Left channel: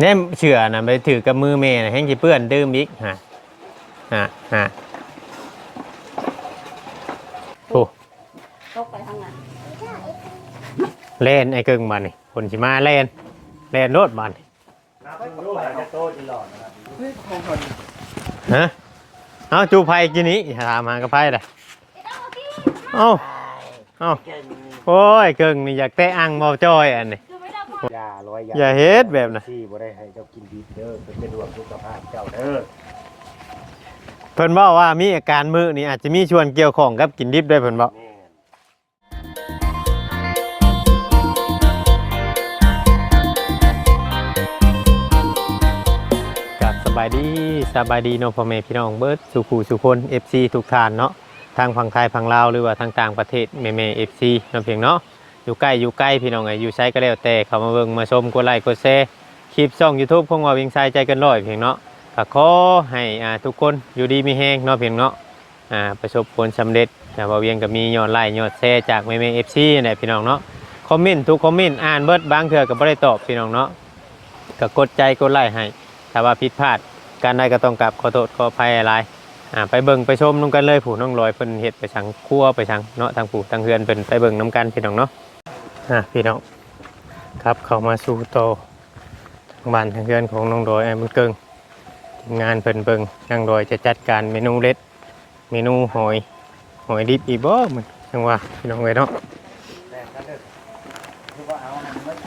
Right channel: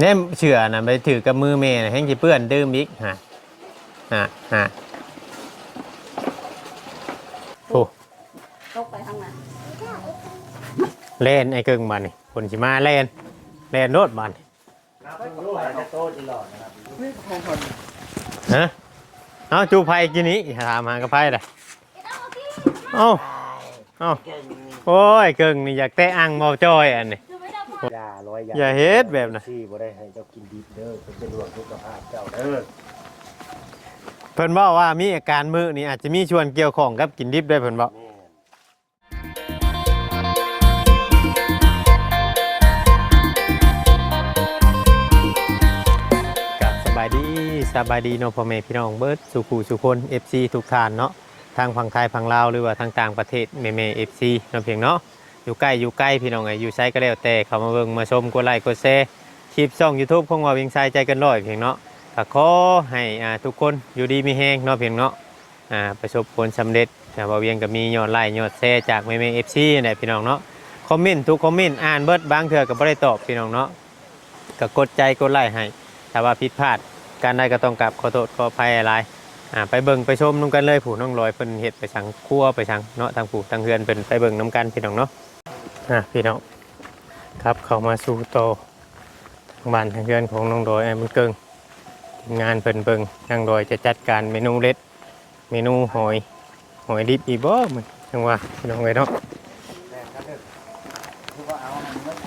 แน่เชื่อนะไปถือกับมือแม่น่ะแห้งสิเปื้อนดื่มอีกฮะฮะฮะโอ้ตกไปทางนั้นเล่นไอ้เกิงบันนี่คนสิมาเล่นเล่นโนดบันฮะเอาจูไผ่กินนี้ถามหากระไผ่เลยเอาเอาโอ้ยเกิงนี่อยากแตะอังเมาจ้อยอันนี้ ยาร้อยยาอย่าเฮ็ดแบบน่ะที่บ่ได้ให้เจ้ากินดีเด้อเป็นเป็นรวมสุขภาพเจ้าเด้อเพิ่นบอกว่ามีอาการมือนี่อาจจะมีชวนเกี่ยวข้องกับกินดิบด้วยเพิ่นบอกแม่นกับสบายดีสบายดีเนาะพ่อแม่พี่น้องเบิร์ดสุขูสุคน FC ทุกท่านเนาะทางฝั่งไทยฝั่งลาวหรือว่าทางต่างประเทศแม่แม่ FC เนาะเพียงเนาะ อยู่ใกล้อยู่ใกล้พี่น้องไงอยู่ไซก็แล้วแต่เข้ามาเบิ่งมาชมกดไลค์กดแชร์คลิปช่อง YouTube ของว่าเวียงไซใจเกันร้อยเพียงเนาะก็ขอให้อ่าทุกคนอยู่ดีมีแฮงเนาะเพียงเนาะอ่าประสบผลสำเร็จนะว่าเวียงก็มียอดไลค์ยอดแชร์จากแม่แม่ FC นี่พี่น้องเนาะคอมเมนต์ทุกคอมเมนต์อ่านเบิดบางเทื่อก็บ่ได้ตอบพี่น้องเนาะก็กดใจกดไลค์ให้ถ้าว่าผิดพลาดการได้ก็ต้องกลับขอโทษขออภัยอะไรอ่าไปเบิ่งไปชมนุ่งกันเลยผู้น้องลอยเพิ่นเฮ็ดไปสังครัวไปสังเนาะทางผู้ทางเฮือนเพิ่นไปเบิ่งน้ำกันพี่น้องเนาะ อะพี่น้องครับเข้ามาสู่โตะทางบ้านทางเฮือนของน้องดอยไอ้มันเกิงทีมงานเพิ่นเบิ่งนางดอยจะจัดการเมนูเล็ด เมนูหอยหอยดิบอีบ่มันจังว่าพี่น้องเอ้ยเนาะแม่นกันเด้อคือว่าเอามันเบิด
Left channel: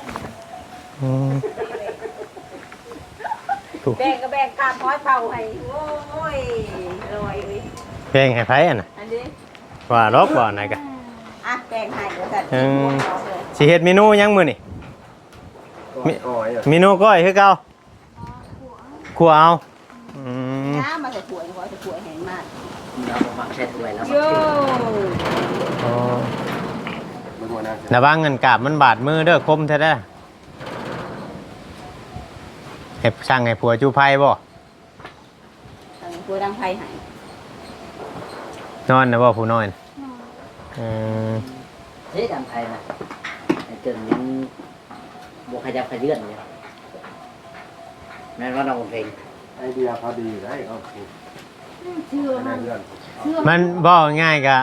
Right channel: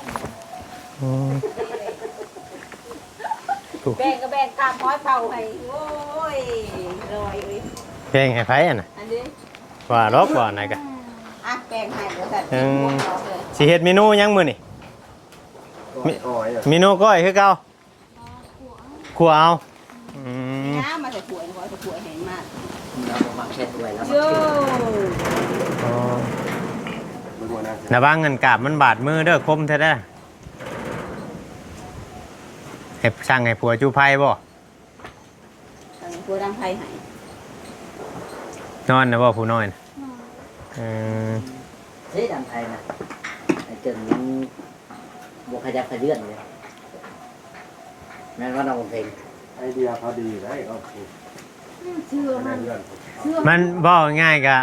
อืมแบ่งก็แบ่งข้ามห้อยเผาให้โอ้ยลอยเลยเพลงให้ไผอะน่ะอันนี้ว่าลบว่าไหนกะอะแบ่งให้ก็ตัดอืม สิเฮ็ดเมนูหยังมื้อนี่มีอ้อยอะเมนูก้อยคือเก่าขัวเอาอืมน้ำมาจะป่วยขอจะป่วยเห็นมากเราฟังเช่นด้วยแล้วโย่อ๋อมันบ่น่าจะระวังเงินกาบมันบาดมือเด้อคมแท้เด้อให้ช่างให้ผัวจูไพ่บ่ป่วยดังไฟหายนอนนะบ่ผู้นอนอืมเฮ้ยทำไทยนะไอ้เกิดยังบวกขยับขยื่นเลยแม่นว่าน้องเพลงไอเดียพอดีให้โอเคเชื่อมันเรื่องเชื่อมันบ่ง่ายกะ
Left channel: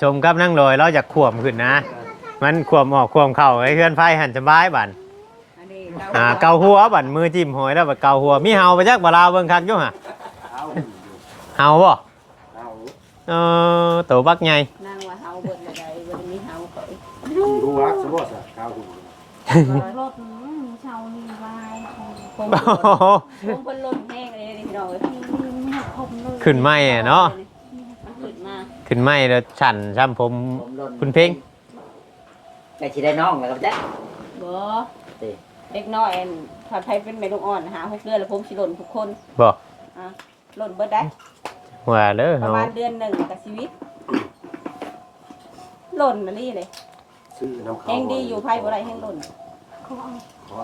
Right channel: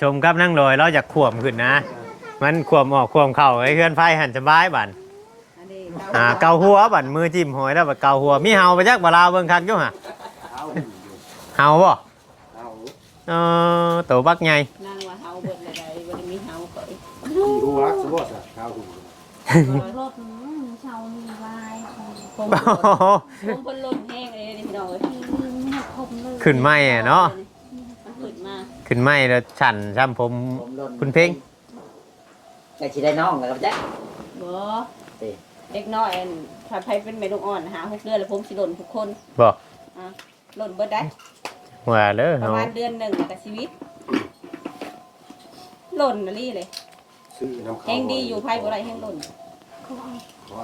ชมกับนั่งลอยเราอยากขวมขึ้นนะ มันขวมออกขวมเข้าให้เพื่อนไฟหันสบายบันอันนี้อ่าเกาหัวบันมือจิ้มหอยแล้วบัดเกาหัวมีเห่าไปจักบ่ลาวเบิ่งคักอยู่ห่ะเอาอยู่เห่าบ่เอาเออตัวบักใหญ่ อยดูรักสมมุติอะเอาดูรถเชามีวายผมโอ้โหผมเพิ่นรถแห้งเลยนี่น้อยขึ้นไม่อะเนาะขึ้นมาขึ้นไม่แล้วฉันซ้ำผมผมโดนคุณเพ่งไอ้ชีได้น้องนะครับจ๊ะบ่เด็กน้อยอันถ้าใครเป็นแม่ลูกอ่อนหาหกเดือนแล้วผมสิหล่นทุกคนบ่อะหล่นเบิดได้ว่าเด้อประเฮามาณเดือนหนึ่งกับชีวิตหล่นน่ะลี่เลย ซื้อน้ำเขาแห้งดีอยู่ไพ่บ่ได้แห้งหล่นขอเอ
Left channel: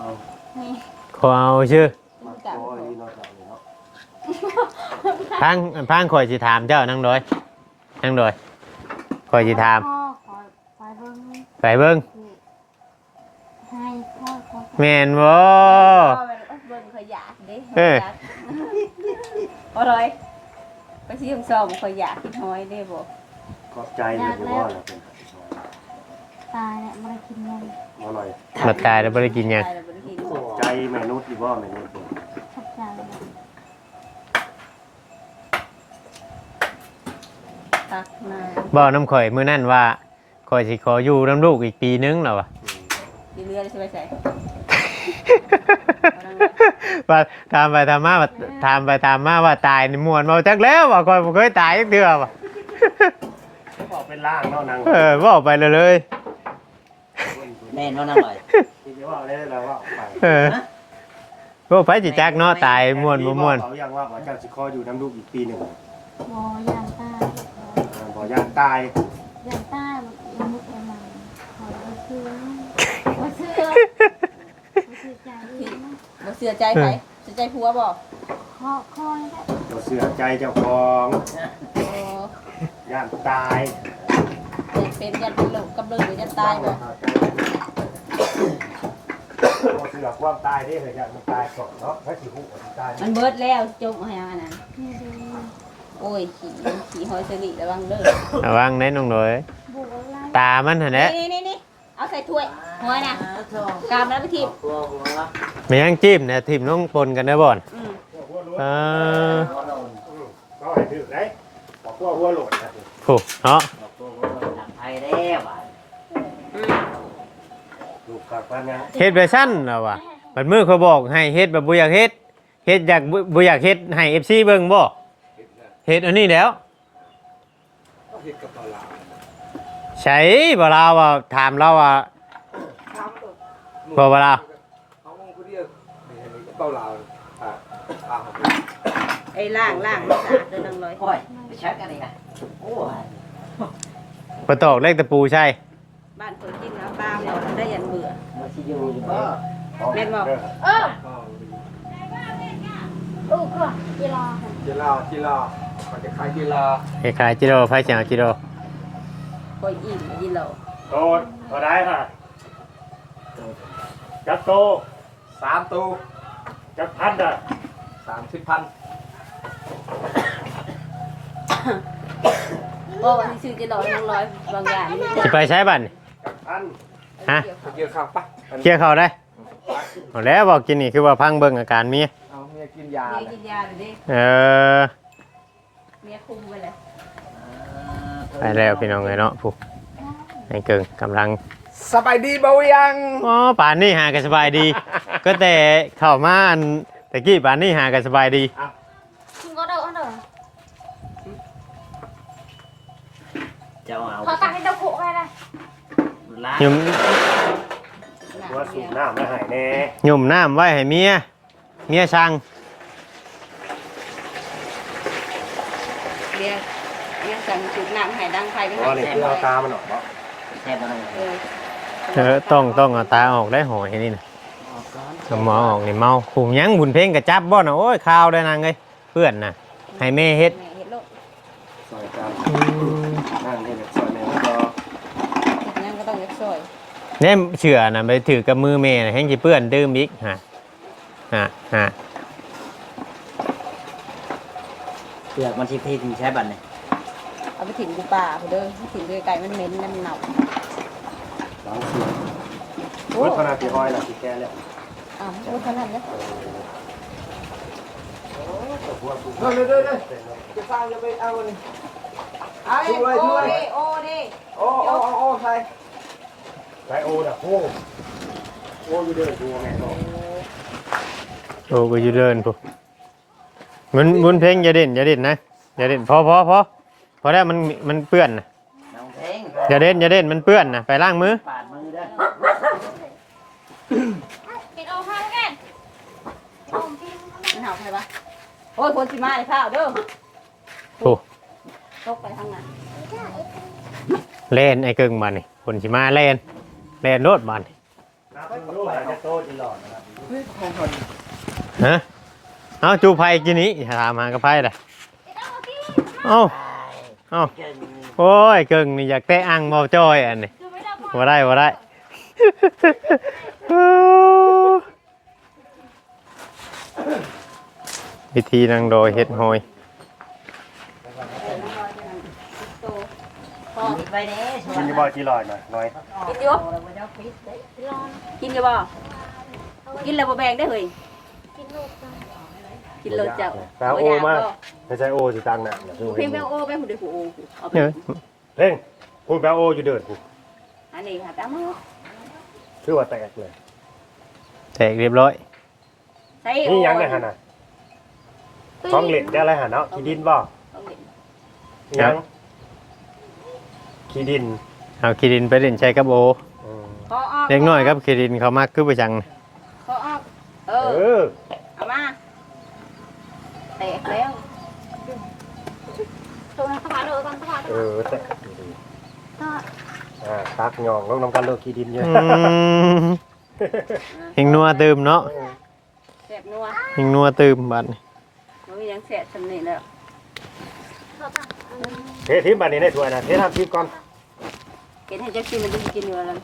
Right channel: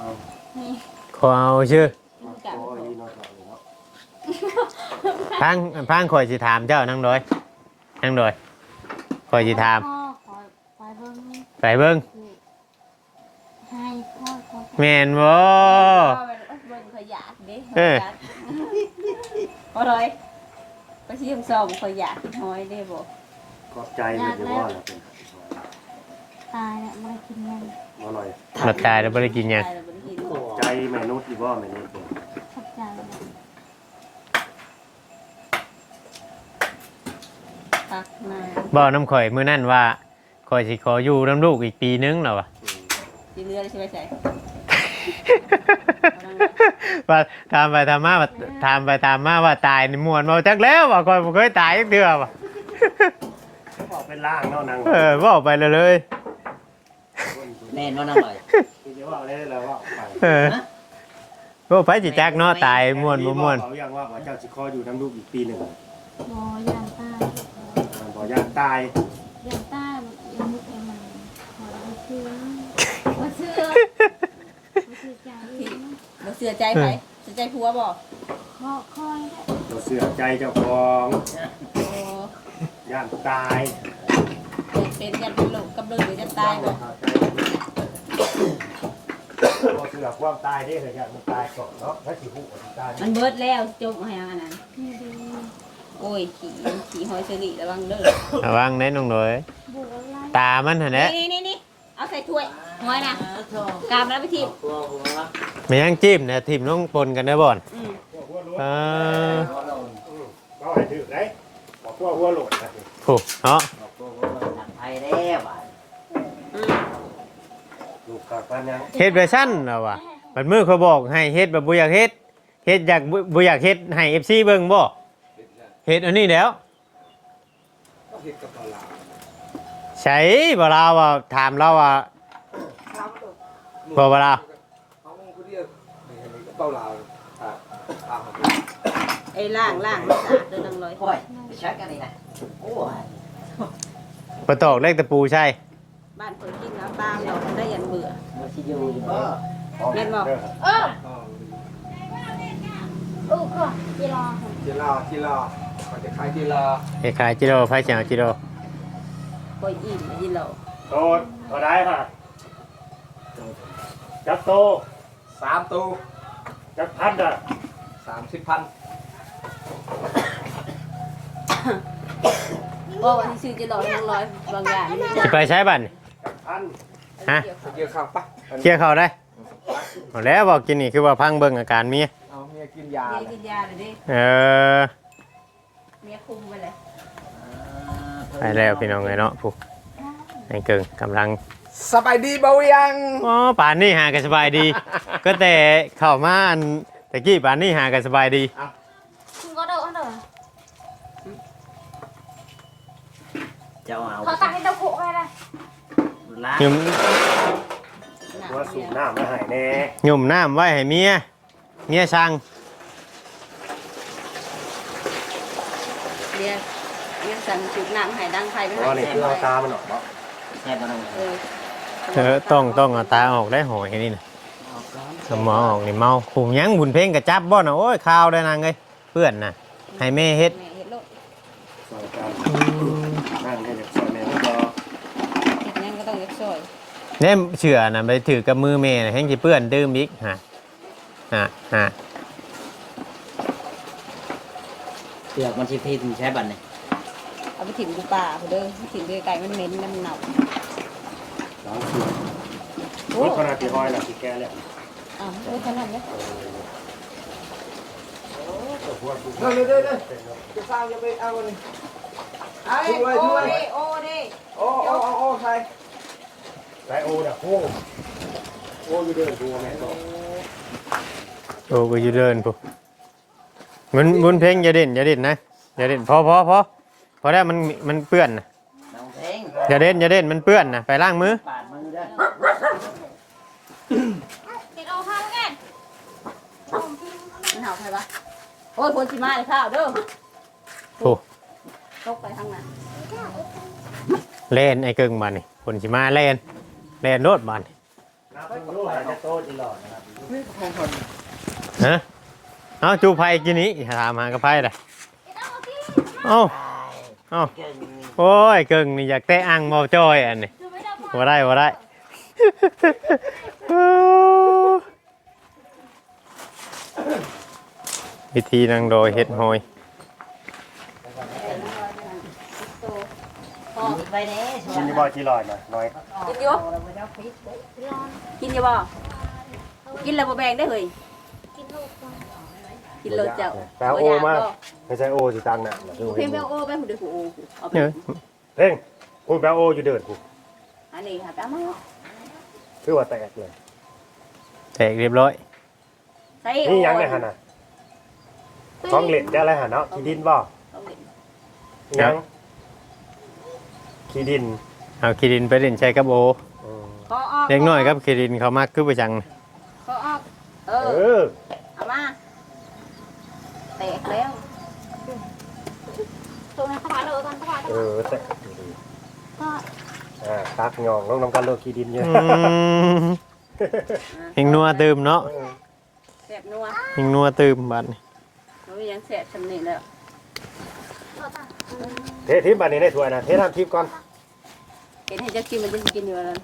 าขอเอาชื่อปักคอนี่เนาะจ้ะเนาะพังพังข่อยสิถามเจ้านั่งดอยนั่งดอยข่อยสิถาม พ่อขอไปเบิ่งไปเบิ่งให้พ่อขอแม่นบ่เบิ่งขยะดิเออเอาเลยไปที่ทำซอมขยะกินหอยได้บ่ขอบใจเลยที่ว่าเราเป็น ตายแล้วไม่ได้กินยังอร่อยมาตายแล้วบ่ได้กินหยังตายแล้วบ่ได้กินขอบใจแม่นุชที่ว่าแม่นุชขอบใจตักมาบ่น้ำข่อยมื้อนั้นว่าข่อยสิขออยู่น้ำลูกอีกปีนึงแล้วว่ะสิเรือใช่ไหมใส่ว่าตามไปตามมาว่าตามไปตามมาว่าตายนี่ม่วนบ่จักแล้วว่าข่อยบ่เคยตายจักเทื่อว่ะบอกเป็นล่างเนาะนางเออบอกไปเลยเลยแม่นว่าน้องหน่อยที่ว่าเลยแล้วว่าไปเออพวกไปจิจักเนาะตายม่วนบ่ม่วนเขายังว่าว่าเจ้าสิขออยู่น้ำลูกอีกปีหนึ่งบอยาตายบ่ย่านตายยาตายมันมุกเลยมาขอซื้อมาซื้อใจบ่เสือใจไปเสือใจผัวบ่ขอคอยได้เราเสือใจเจ้าของเออย่านตายเป็นยันเป็นลมกับลมหรือยันตายบ่ เราเสื สือความ ตายนี่เลยเนี่ยมันตายก่อนเนาะถ้าสิหูมันตายมันเบิดแล้วจมให้อันนั้นนี่ดูโอ้ยขี่ขี่หอยเชอรี่ระวังเด้อระวังได้น้องหน่อยบุกอะไรตามันหั่นแหละนี่นี่นี่เอาใส่ถ้วยหอยนะกามแล้วไปทีบตัวผมว่าไม่ยังจิ้มนะทีมน้องปนกันได้บ่อนอืมหัวโลดอ่าก็ให้ถือได้บอกว่าหัวโหลดนะโอ้เนาะตัวผมจากไทยแล้วอะอืมลูกกับพันยังเฮ็ดแบบสั้นแล้วว่ะ มันมือเขาบอกให้เฮ็ดแบบบ่อยากเฮ็ดเฮ็ดอยากบ่บ่อยากเฮ็ดให้ FC เบิ่งบ่เฮ็ดอันนี้แล้วต้องเห็ดกับปลาหลาใช่บ่ลาว่าถามเราว่าบ่บ่ลาเอาคนเดียวเกาเหลาอ่าอ่าไอ้ล่างล่างมันสะอาดเด้อนังเลยโอ้ยไปชักกันนี่นะโอ้ยบ่ตอกเลขตะปูใช่บ้านคนกินแล้วตามเราได้ยันเบื่อมันสิอยู่อยู่บ่ แม่นบอกเออเออคือกีฬาจีลาจีลามันจะคล้ายจีลาคล้ายๆจิโร่ไฟเสียงจิโร่โอ้ยอิ่มอิ่มเราโดนพอได้ค่ะจับโตสามโตจับพันอะสามสิบพันบอกว่าที่ซื้อจะหลอกนังร้อยบางอย่างนี่สิไปใช้บัดนี่พันฮะเกี่ยวข้าวปะเกี่ยวเข้าได้ เอาแล้วบอกกินนี่คือว่าพังเบิ่งอาการเมียเอาเมียกินยาเมียเลยกินยาเลยดิเออเมียคุมไปเลยไปแล้วพี่น้องไงเนาะผู้ไอ้เกิงกำลังสบายดีเบายังอ๋อป่านนี้หากันสบายดี ก็แต่เข้ามาอันตะกี้ป่านนี้หากันสบายดีคุณก็เด้อเด้อเจ้าเอาเขาตักให้เจ้าผูกเลยนะล้างยุ่ม ว่าสูบน้ำมาหายแน่ยุ่มน้ำไว้ให้เมีย เมียสั่งเมียเมียสั่งจุดน้ำให้ดังไฟไม่ว่าให้นี่แสคือเอางตามันออกเนาะแค่นั้นเออเออต้องต้องเอาตาออกได้หอยนี่นะออกก่อนเอาหมอออกนี่เมาขุมยังบุญเพ่งกระจับบ่นะโอ้ยข้าวได้นางเลยเพื่อนน่ะให้แม่เฮ็ด แม่เห็ดโลก ซอยกันนั่งได้เลยซอยแม่ก็ ยังก็ต้องเล็กซอย แน่เชื่อน่ะไปถือกับมือแม่น่ะแห้งสิเปื้อนดื่มอีกฮะฮะฮะเปลือกมันสิที่ถึงใช้บัตรเลยเอาไปถิ่มกูป่าไปเด้อถิ่มไปไกลมันเหม็นมันเน่าล้างเสียงโอ้รถขนาดที่ห้อยน่ะที่แกแล้วอ้าวโอ้ขนาดนี้เด้อเด้อเด้อจะสร้างยังไม่เอาเลยไอ้โอ้เด้โอ้เด้โอ้โอ้โอ้ใส่ ใส่โอ้น่ะโอ้โอ้อยู่เด้อดูแม่บอกโอ้ก็อยู่เดินปุ๊มันบุญเพ่งอย่าเด่นอย่าเด่นนะอย่าเด่นพอพอพอพอได้วมันมันเปื้อนนะน้องเพลงอย่าเด่นอย่าเด่นมันเปื้อนนะไปล้างมือปาดมือได้กินโอ้ข้าวกันผมกินมันเห่าใช่ปะโอ้ยคนชิมาเลยข้าวเด้อโอ้ตกไปทางนั้นเล่นไอ้เกิงบานนี่คนสิมาเล่น เล่นโลดบานนี่น้ำรู้อะไรอดนะครับฮะเอาจูไผ่กินนี้ถามหากระไผ่เลยเอาเอาโอ้ยเกิงนี่อยากแตะอังเมาจ้อยอันนี้อไม่ได้บ่ได้บ่ได้วิธีนางโดยเฮ็ดหอย พอ ไปเด้ กินที่บ่จีหลอดน่ะน้อยกินอยู่ร้อนกินอยู่บ่กินแล้วบ่แบ่งได้เฮ้ยกินโลกกันกินเลยเจ้าแต่โอ้มากไม่ใช่โอ้สิตังน่ะเพียงแม่โอ้แม่ผู้ใดผู้โอ้เอาไปเอ้ยเพ่งพูดแปลโอ้อยู่เดินพูดอันนี้ค่ะตามมาคือว่าแตกเลยแตกเรียบร้อยใส่โอ้นี่ยังไงฮะน่ะท้องเหล็กได้อะไรฮะเนาะขี้ดินบ่ยังขี้ดิน เอาคีดินไปเล่นใช้กับโออืมขอออกเล็กน้อยครับคีดินเขามากคือประจังขอออก เอเออ อเอามาแตกแล้วตัวมันขาโดดกันขาโดเอดอแตกดีๆอ่าตักยองลงน้ำกันเลิกขี้ดินเยอะอืมเฮงนัวเติมเนาะแสบนัวเฮงนัวเติมบัดนี้มันมียังแสบสำเนียงแล้วเททิพย์อันนี้ได้ถ้วยนะเททิพย์ก่อน เห็นให้เจ้ากินมันจะกินอยู่แล้ว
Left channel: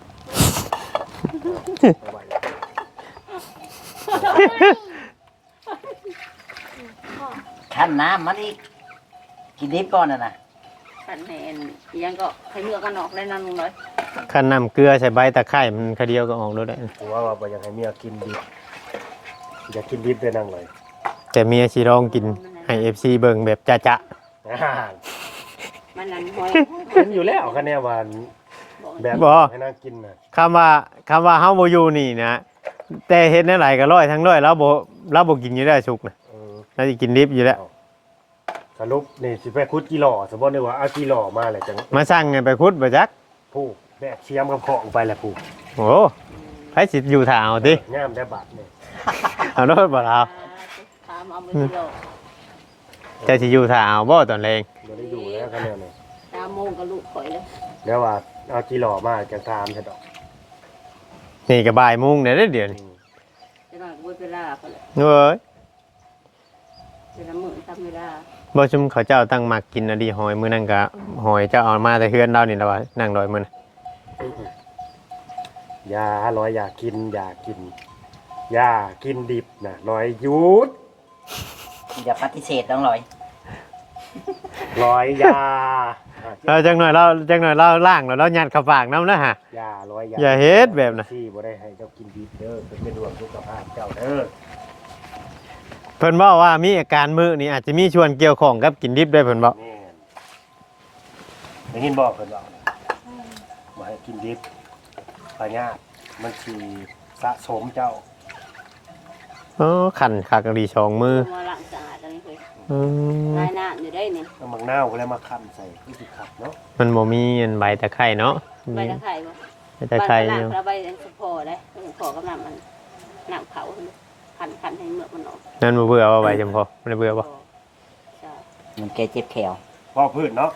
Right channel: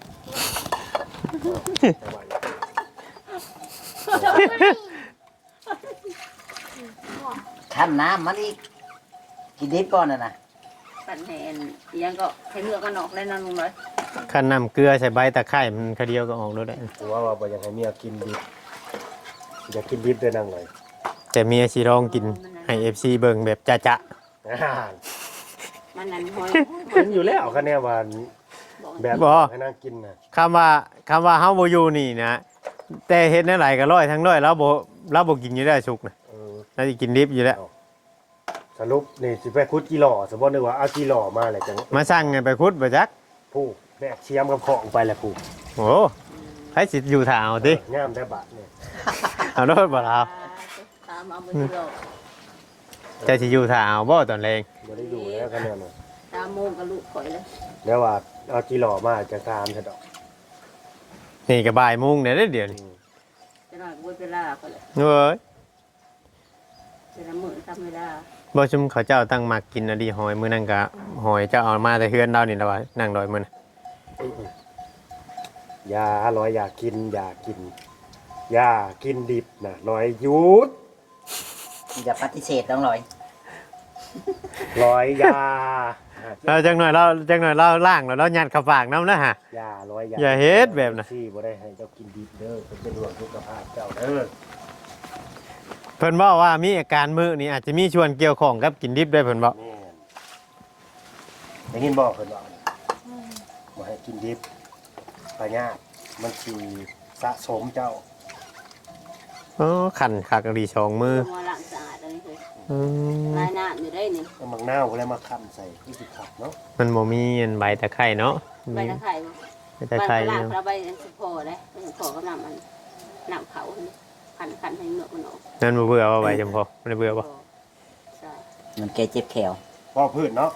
ขั้นน้ำมันอีกกินดิบก่อนน่ะนะกันแหนยังก็ให้เลือกกันออกแล้วนะลุงน้อยขั้นน้ำเกลือใส่ใบตะไคร้มันคเดียวก็ออกแล้วได้ถือว่าว่าบ่อยากให้เมียกินดิบอยากกินดิบด้วยนั่งเลยแต่เมียสิลองกินให้ FC เบิ่งแบบจะจะอ่ามันนั่นห้อย มันอยู่แล้วคะแนนว่า แบบบ่ ให้นั่งกินน่ะคำว่าคำว่าเฮาบ่อยู่นี่นะ แต่เฮ็ดในหลายก็ร้อยทั้งร้อยแล้วบ่เราบ่กินอยู่ได้สุกนะเออเราสิกินดิบอยู่แล้ว สรุปนี่สิไปคุดกี่หล่อสมมติเลยว่าเอากี่หล่อมาเลยจังมาสั่งให้ไปคุดบ่จัก ผู้แบกเชียมกับของไปแหละผู้โอ้ไผสิอยู่ท่าเอาติย่ามได้บาทเนี่ยเอาโนดบ่ล่ะตามเอามือที่เราจะสิอยู่ท่าเอาบ่ตอนแรงบ่ได้อยู่แล้วคะแนนเลยตามโมงกับลูกข่อยเลยแล้วว่า เอากี่หล่อมาจะตามซะดอกนี่ก็บ่ายโมงเนี่ยเด้อเดี๋ยวนี้จะนั่งบุญจะลาเขาเลยเอ้ยจะทำมือทำไม่ได้บ่ชุมเขาเจ้าตั้งมักกินอะดีหอยมื้อนั้นก็หอยเจ้าเอามาแต่เฮือนเรานี่ล่ะว่านั่งดอยมื้อนะอย่าร้อยอย่ากินอย่ากินอย่ากินดิบนะร้อยหยุดอย่าปฏิเสธน้องลอยร้อยอย่า เราจังหน่อยเราจังหน่อยเราล่างแล้วเรายัดเข้าปากน้ำนะฮะอย่าร้อยอย่าอย่าเฮ็ดแบบน่ะ ที่บ่ได้ให้เจ้ากินดิบเด้อจะเป็นห่วงสุขภาพเจ้าเด้อเพิ่นบอกว่ามีอาการมือนี่อาจจะมีชวนเกี่ยวข้องกับกินดิบด้วยเพิ่นบอกแม่นได้ยินบอกเพิ่นว่าบ่ให้กินดิบปาญาติมันสิสะสมเจ้าเออขันขากรีชองมือมาล้างสะอาดอะไรเลย อืมลายหน้าอยู่ได้นี่เอามังนาวก็แล้วมาคั่นใส่คือสิขับเนาะมันบ่มีอันใบตะไคร้เนาะใบตะไคร้บ่ใบตะไคร้ล้างเนาะแล้วใบสะโพกได้สะโพกก็น้ำมันน้ำเขาขันขันให้เมือกมันออกนั่นบ่เบื่อว่าใบจำพอมันได้เบื่อบ่ใช่มันเกเจ็บแขวพอพืชเนาะ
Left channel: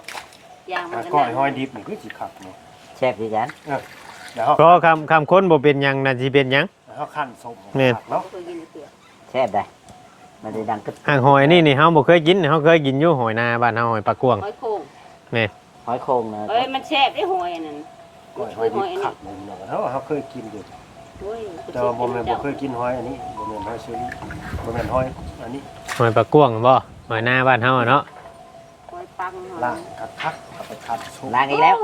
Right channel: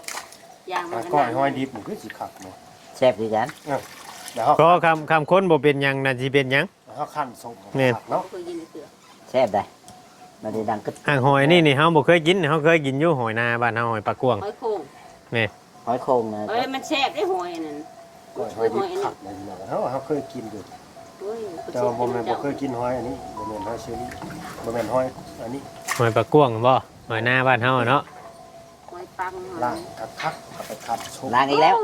ยางมันอะก็ก้อยน้ำห้อยดิบนี่คือสิขับเนาะแซ่บดีกันเดี๋ยวเฮาเพราะคำคำค้นบ่เป็นหยังน่ะสิเป็นหยังเฮาคั่นสมแม่นขับเนาะเคยยินเสือแซ่บได้ มันได้ดังกึบอ่างหอยนี่นี่เฮาบ่เคยกินเฮาเคยกินอยู่หอยนาบ้านเฮาหอยปลากวงห้อยโค้งหอยโครงนะเอ้ยมันแซ่บได้หอยนั่นก้อยหห้ออยยหดิอบยอันขันี้บเลยเนาะเฮาเฮาเคยกินอยู่ด้วยแต่ว่าบ่แม่นบ่เคยกินหอยอันนี้บ่แม่นหอยเชอรี่บ่แม่นหอยอันนี้หอยปลากวงบ่หอยนาบ้านเฮาอะเนาะหอยปังหอยล้างกระคักเอาไปคัดชุบล้างอีกแล้ว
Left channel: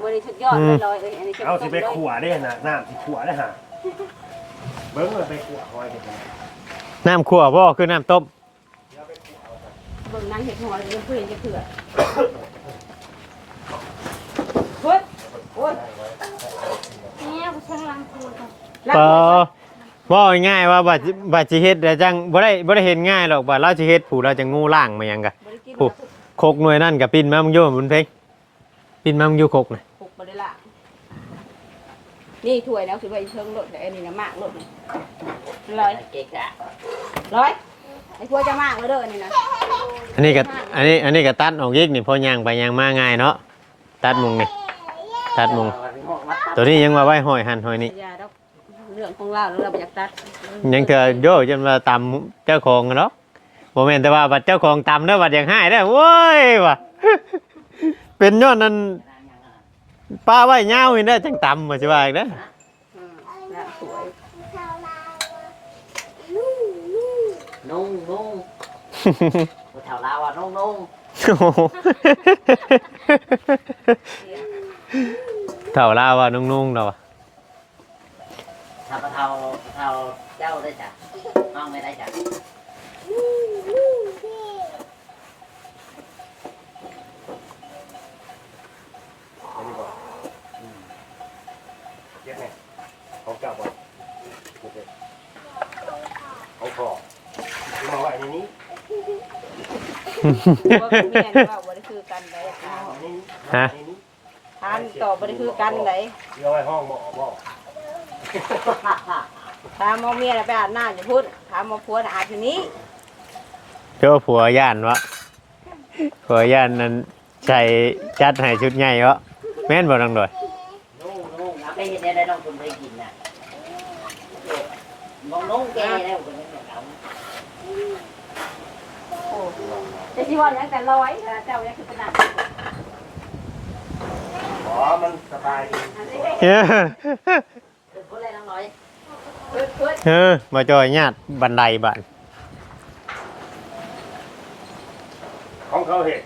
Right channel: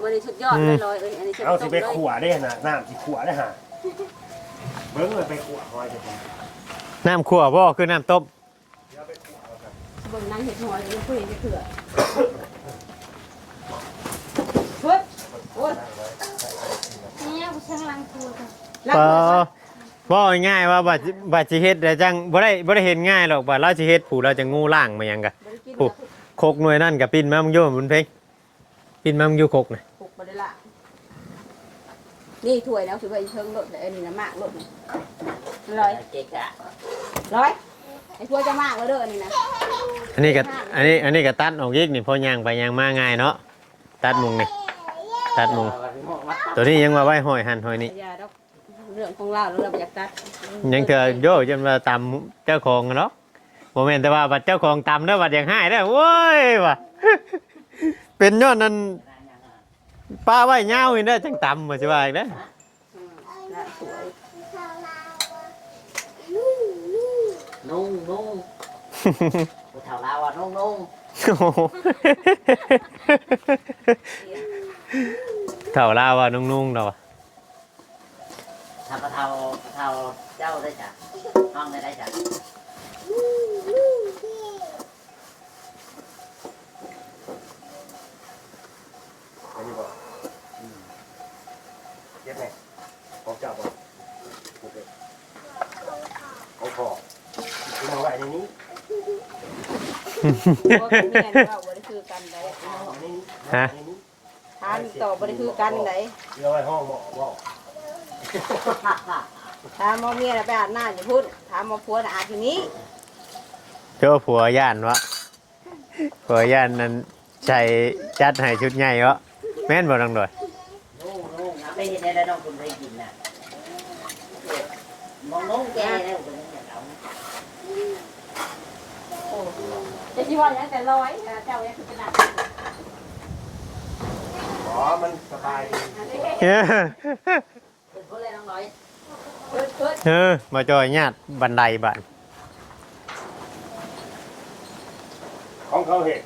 มื่อนี้สุดยอดเลยลอยเอ้ยอันนี้จะเอาสิต้มไปเลยขัวได้น่ะน้ำสิขัวได้ฮะเบิ่งว่าไปขัวหอยกัน น้ำคั่วบ่คือน้ำต้มบนนั้นเห็ดหอยยังเพื่อนจะเถื่อเฮ้ยโอ้ยเนี่ยกูช่างล้างตัวก่อนล้างเอมืออว่าง่ายๆว่าบัดบัดสิเฮ็ดแต่จังบ่ได้บ่ได้เห็นง่ายหรอกบัดเราสิเฮ็ดผู้เราจะงูล่างมาหยังกะบ่ได้กินโอ้โคกหน่วยนั่นกับปินมามึงอยู่บุญเพ็งปินมามึงอยู่โคกน่ะปลุกมาได้ละ นี่ถ้วยแล้วถือว่าอีเชิงรถแต่อันนี้นะมากรถนี่ลอยเกะกะร้อยไอ้พวกจะมากเลยเด้ออันนี้นะอันนี้ก็อันนี้อันนี้ก็ตัดออกอีกนี่พอย่างไปย่างมาง่ายเนาะตัดมุงนี่ตัดมุงตัวนี้ยังว่าไว้ห้อยหันห้อยนี่อย่าดอกเรื่องของเราแล้วเราไปอยากตัดยังเธอโยจนมาตำเจ้าของกันเนาะโมเมนแต่ว่าบัดเจ้าของตำเด้อบัดอย่างให้ได้อโว้ยว่ะเป็นยอดนั้น ป้าไว้เงาอีกเด้จังตำมาสิว่าอีกเด้ออืมน่าสวยนุ่งนุ่งผู้เฒ่าลาวอะนุ่งนุ่งโอ้โหเถ่าลาว่านุ่งๆเนาะถ้าผู้เฒ่าผู้เฒ่าเจ้าได้จ้ะน้องไม่ได้จ้ะ เก็บแม่ของเจ้าบ่เอาพอคือมาไว้ในนี้ พวกแม่นี่ว่าบ่ได้คือกันเลยเอาในนี้ฮะในนี้ทานต่อบ่ได้คือกันเลยเอาไว้ห้องหมอบ่ถามหมอเมียน่ะไปอาบน้ำอยู่พุ่นถามหมอผัวน่ะอาบที่นี้เจ้าผัวย่านวะผัวย่านนั้นใส่จัดให้ชุดใหญ่วะแม่นบ่ดังดอย นุ่งนุ่งเอาไปกินได้แล้วน้องคุณได้กินน่ะน้องนุ่งแกแล้วคุณไม่เอา โอ้จะ ที่ว่าอย่างแต่ร้อยนะเจ้ายังคือเป็นหนักอ๋อ มันสบายดีอันนี้เอ้อคุณก็เลยน้องน้อยโเปิดเปิดเออมาจอยญาติบันไดบ้านของเขาเห็ด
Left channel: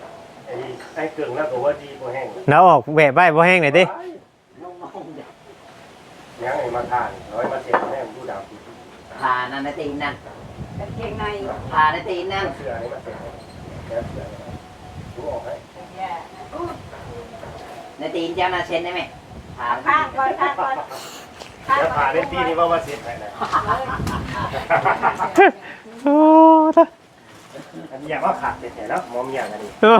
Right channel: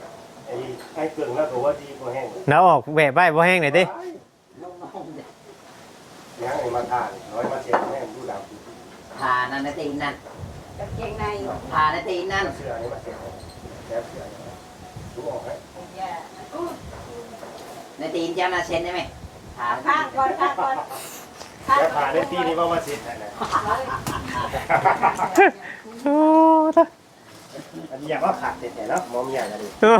ไอ้ไอ้กึ่งแล้วก็ว่าดีกว่าแห้งแล้วออกแบบไว้บ่แห้งหน่อยดิน้องๆเด็กยังไอ้มาทานร้อยมาเสียแห้งผู้ดาวพานั่นนะตีนนั่นกางเกงในพานะตีนนั่นเสื้อนี่มาเสียเนี่ยเสื้อรู้ออกไหมแย่ นะนะตีนเจ้านาเซนได้ไหมพาข้างก่อนข้างก่อนข้างแล้วก่ผ่าอนได้ปีนี้ว่าว่าเสียไทยนะโอ้ตะอันนี้อยากว่าขาดเสียแล้วมอมีอย่างอะไรโอ้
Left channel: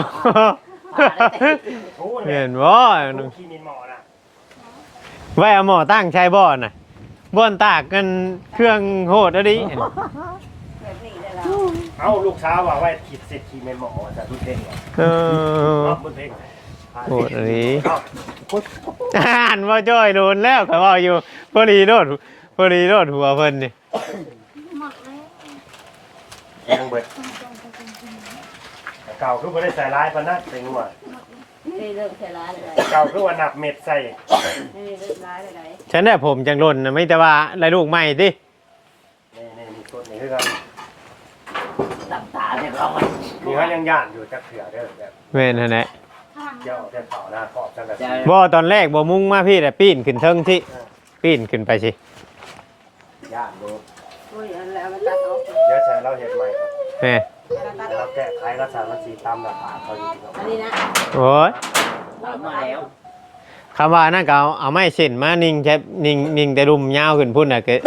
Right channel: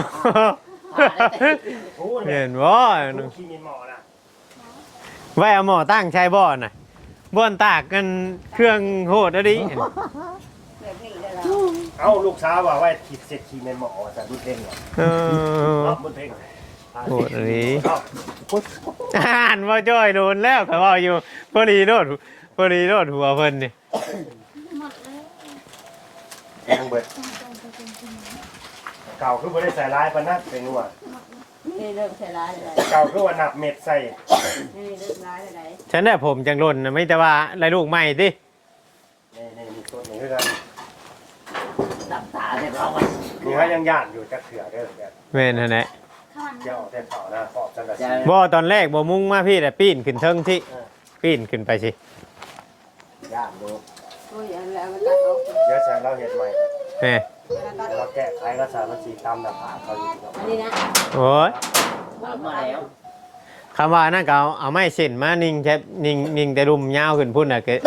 พานะตีนโอ้ยเห็นบ่ลูกขี้มินหมอนะไว้เอาหมอตั้งใช้บ่อน่ะบ้วนตากกันเครื่องโหดอะดิ แบบนี้ได้แล้ว เอ้าลูกสาวว่าไว้ขีดเสร็จขี้มินหมอจะดูเท่เออเอาบุญเท่โหดอะดิอ่านว่าจ้อยโดนแล้วเขาบอกอยู่พอดีโดนพอดีโดนหัวเพิ่นนี่หมดเลยต้องเบิดเก่าคือว่าได้ใส่ร้ายพันนะเป็นนัวนี่เริ่มใส่ร้ายเลยเก่าคือว่าหนักเม็ดใส่นี่เริ่มร้ายเลยฉันได้ผมจังร่นนะไม่แต่ว่าไรลูกใหม่ดิ นี่นี่นี่ต้นนี้คือกัน ตับตาเด็กเรา นี่เขายังย่านอยู่จะเขือเด้อแบบแม่นหั่นแหละข้างเจ้าเจ้าเผาหน้าขอบจังกะจะสีบ่ตอนแรกบ่มุ่งมาพี่แต่ปีนขึ้นเทิงที่ปีนขึ้นไปสิย่านลูกโอ้ยอันแล้วมันตัดออกเดี๋ยวใส่เราเห็ดใหม่แม่แล้วตัดอเราอกแก้ไขรักษามันสีตามหน้าผากเขาอยู่อันนี้นะโอ้ยตามมาแล้วคำว่านั่นก็เอาเอาไม้เส้นมานิ่งใช่นิ่งนิ่งแต่รุมยาวขึ้นพุ่นน่ะคือ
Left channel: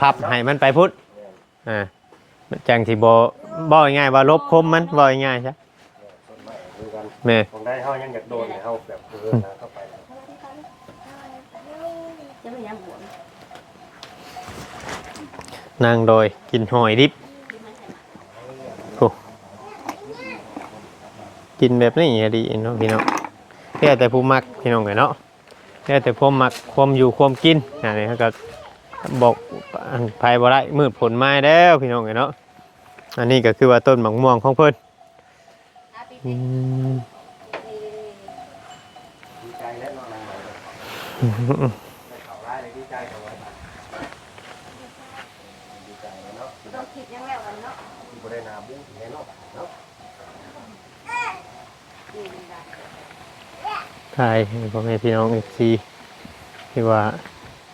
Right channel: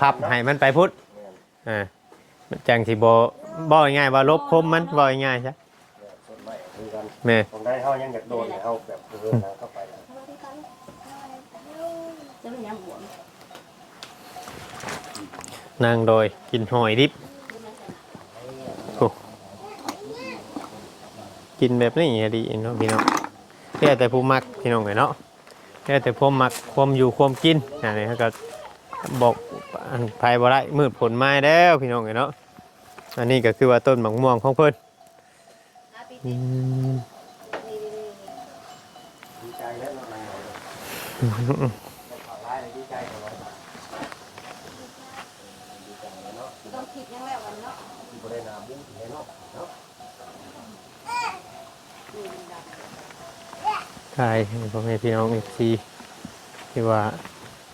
พับให้มันไปพุ่นอ่าจังสิบ่ บ่ง่ายๆว่าลบคมมันบ่ง่ายๆซะส่วนใหม่คือกันแม่ตรงได้เขายังอยากโดนเขาแบบเออนะเข้าไปจะไม่ยังหัวนางโดยกินหอยดิบโอ้กินแบบนี้ดีเนาะพี่น้องแค่แต่ผู้มักพี่น้องเนาะแค่แต่ผู้มักความอยู่ความกินอันนี้เขาก็บอกภายบ่ได้มืดผลไม้แล้วพี่น้องไงเนาะ อันนี้ก็คือว่าต้นมะม่วงของเพิ่นอืมดีใจแล้วนอนนั่งเลยเขาร้ายเลยดีใจกับไว้ดีใจเนาะต้องคิดยังไงวันเนาะที่บริณาบูถึงเนาะเนาะทายให้พ่อแม่พี่น้องเอฟซีที่ว่า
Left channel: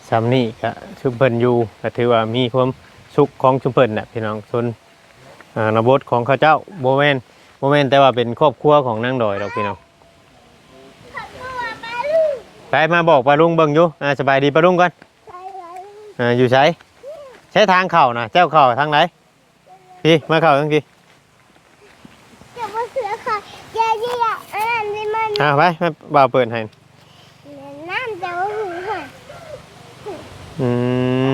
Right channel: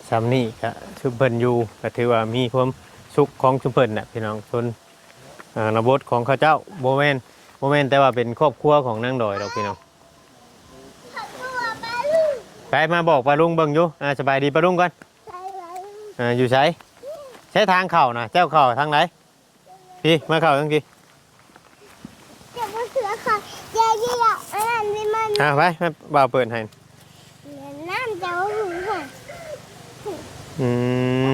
ซ้ำนี่ก็ชุมเพิ่นอยู่ก็ถือว่ามีความสุขของชุมเพิ่นน่ะพี่น้องส่วน อ่าระบบของเขาเจ้าโบแมนโบแมนแต่ว่าเป็นครอบครัวของนางดอยดอกพี่น้องไปมาบอกปลาลุงเบิ่งอยู่อ่าสบายดีปลาลุงก่อนอ่าอยู่ใช้ใช้ทางเข่านะเจ้าเข่าทางไหนพี่มาเข่าทางกี่เดี๋ยวมันเสือค่ะเดี๋ยวยี่หลับอันนั้นนี่มันอ่าไปมาบ่าวเปิดให้น้ำจะว่าหูค่ะอืม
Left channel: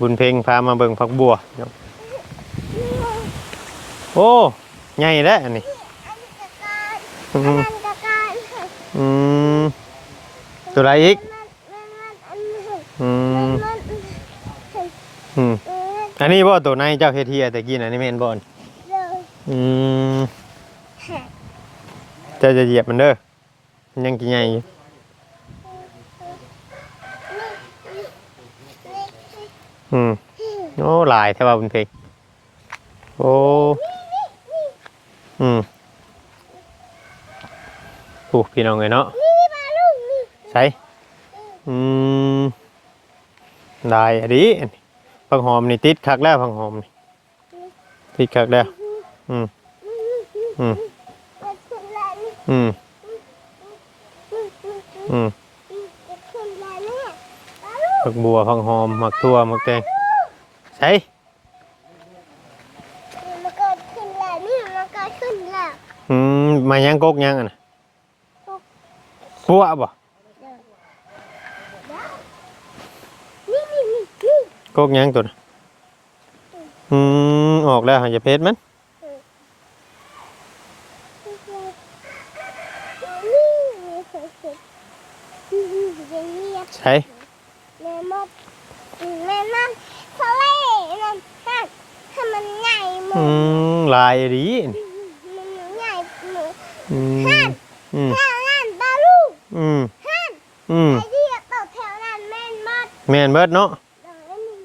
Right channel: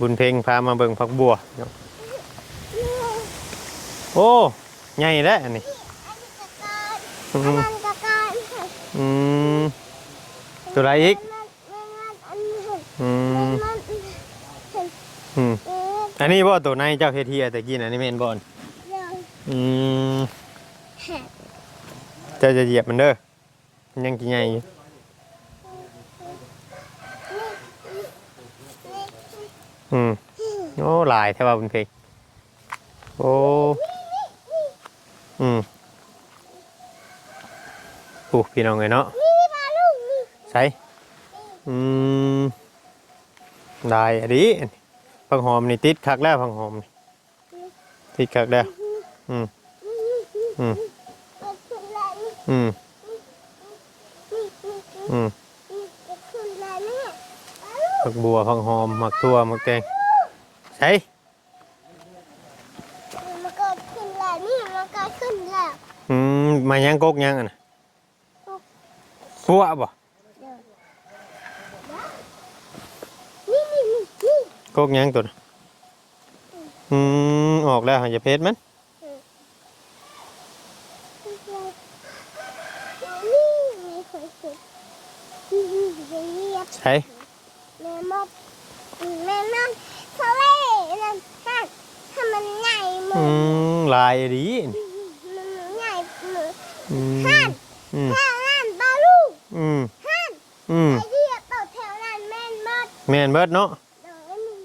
บุญเพ็งพามาเบิ่งผักบัวเนาะ โอ้ใหญ่แล้วอันนี้อันนี้กะการอือันมนั้นกะการค่ะอืมตัวอะไรอีกมันมันอันนี้ค่ะอืมันมมันอืมอออันนี้บ่ตัวในเจ้าเฮทีแต่กี้นะนี่แม่นบอนเดี๋ยวอืมจ้าจะเหยียบมันเด้อมันยังกี่ใหญ่อยู่อืมโอ้หลายแท้ว่าบุญเพ็งโอ้ อืมโอ้พี่น้องเอ้ยเนาะนี่ปลาลูกนี่ใช่อืมได้อะดีผักหอมนี่ติดคักแล้วผักหอมนี่ติดคักแล้วอืมอืมมันขึ้นแล้วนี่อืมอืมมันขึ้นแล้วนี่ปลาลูกผักบัวผักหอมผักทั่วผักแตงใช่ มันก็ขึ้นแล้วนี่มันก็ขึ้นแล้ว อื มมายังกกยังอะนะกกปัวบ่นี่นี่นี่นี่กกยังตัวน่ะอืมออกแล้วหันจะเพชรมันใช่แม่มดแม่นั่นทะเลนั่นฮะถ้ามันใหญ่หมอืดมลายดีมันใหญ่หมด อืมอืมถ้านั่นปลาลูกอืมฮันอืมไอ้ที่ต่อแถวนั้นแม่นมดแม่นเบิดเนาะเดี๋ยวนี้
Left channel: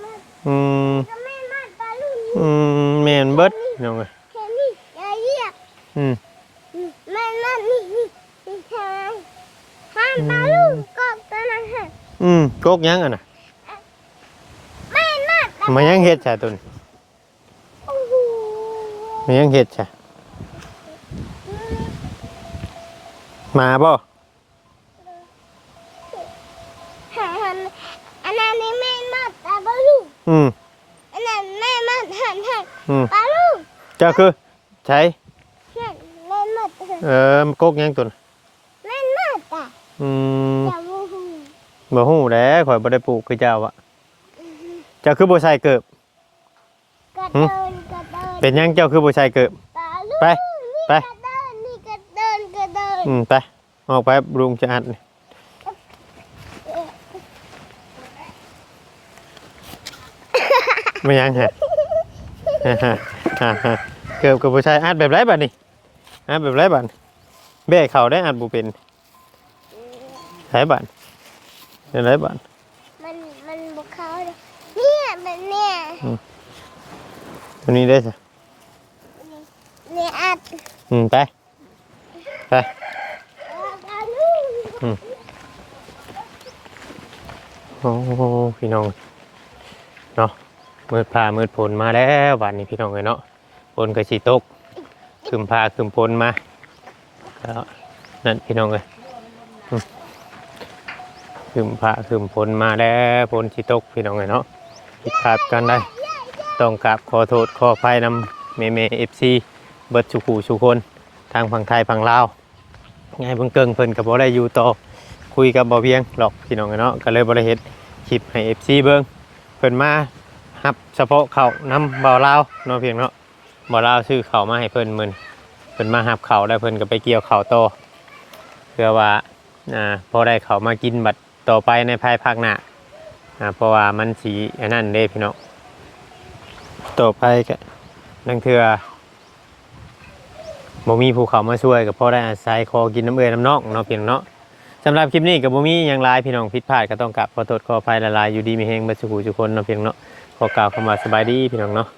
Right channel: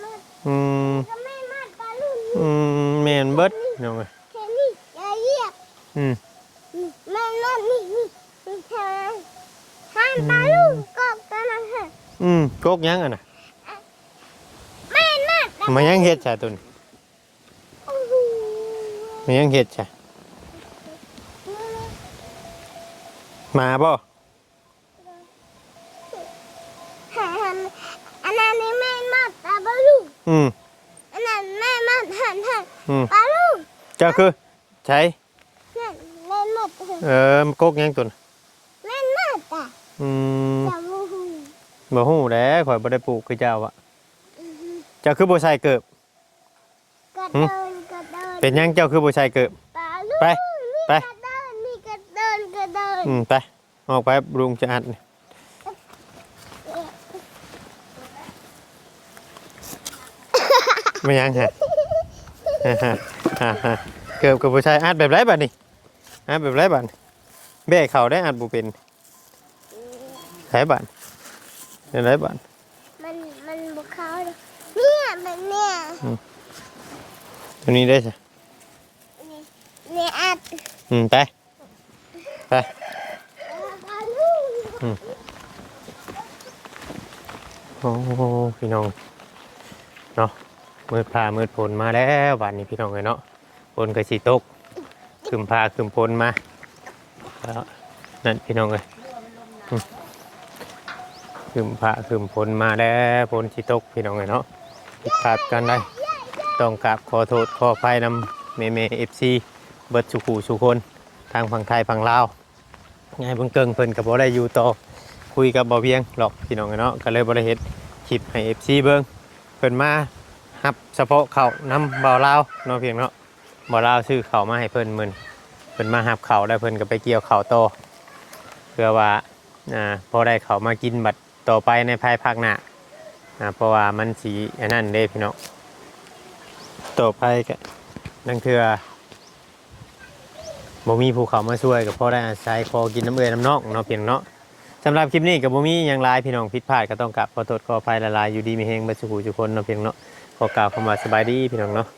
แม่อืมจะไม่มาปลาลูกอืมแม่นเบิดน้องเอ้ยแค่นี้อย่าเรียกอืมมันนั่นนี่นี่นี่ใช่ไหมห้ามปลาลูกกดตัวนั้นฮะอืมกกยังอะน่ะไม่มาปลามายังเฮ็ดซะตุนโอ้โหมายังเฮ็ดซะ มาบ่หาหันอันนั้นนี่แม่มาปลาบาลูกอืมอันนั้นแม่มาหันหันอืมปลาลูกเจ้าคือใช้นั่นแม่มาปลาเออมันกกยังตุนแม่มาปลาอืมจับมูหูบ่ฮู้แหล้วข่อยบ่ได้ปลูกคือเจ้าอะเจ้าคือบ่ใส่เกิบกระเดินกระเดินเป็นหยังเจ้าคือบ่ใส่เกิบปลาลูกไปนี่ไป อืมไปออกไปลุงจะอัดนี่ไม่ยังฮะฮ่าฮ่าฮ่าฮ่าเกิบกับบ่ใส่อัดแบบไรบัดนี้อัดแบบไรบัดเบ้เขาได้อัดบ่เป็นไหนบัดเป็นไรบัดมันมันบุกเขาเลยเนี่ยมันเนี่ยตัวนี้ได้สิเนี่ยอัดอืมไปไปปลาลูก โอ้พี่น้องเนาะมืดพามืดฝนมาแล้ววันนี้พี่น้องเลยเนาะฝนก็สิตกคืมพาคืมฝนมาแล้วนั่นพี่น้องเลยอืมคืมพาคืมฝนมาแล้วฝนสิตกพี่น้องเลยเนาะผิดพลาดกันได้ต้องกราบขอโทษขออภัยนำเมเมเอฟซีเบิร์ดสุขูสุคน ทางฝั่งไทยฝั่งลาว ไงเพิ่งเกิงเพิ่นกับบ่ได้อยู่ต่อคุยกับบ่เพียงหรอกพี่น้องเนาะก็เลยบ่ได้เฮ็ดคลิปให้ FC เบิ่งเพิ่นมารับเฉพาะข้าวนํบ่าวลาวเนาะเพียงเนาะบ่าวลาวซื้อข้าวมาให้เพิ่นมื้อนี้เพิ่นมารับข้าวแล้วเพิ่นก็ไปเกี่ยวข้าวต่อเพื่อว่าอ่าพอได้ข้าวมากินบัดต่อไปในภายภาคหน้าอ่าเพราะว่ามันสิอันนั้นเด้พี่น้องต่อไปก็นั่นคือ บ่มีภูเขามาช่วยก็พอได้อาศัยขอกินน้ำเอื้อยน้ำนอกเนาะเพียงเนาะสำหรับคลิปนี้กับบ่มีอย่างไรพี่น้องผิดพลาดก็ต้องกลับขอโทษขออภัยละลายอยู่ดีมีเฮงเบัสุขุทุกคนเนาะเพียงเนาะขอกล่าวคำว่าสบายดีพี่น้องเนาะ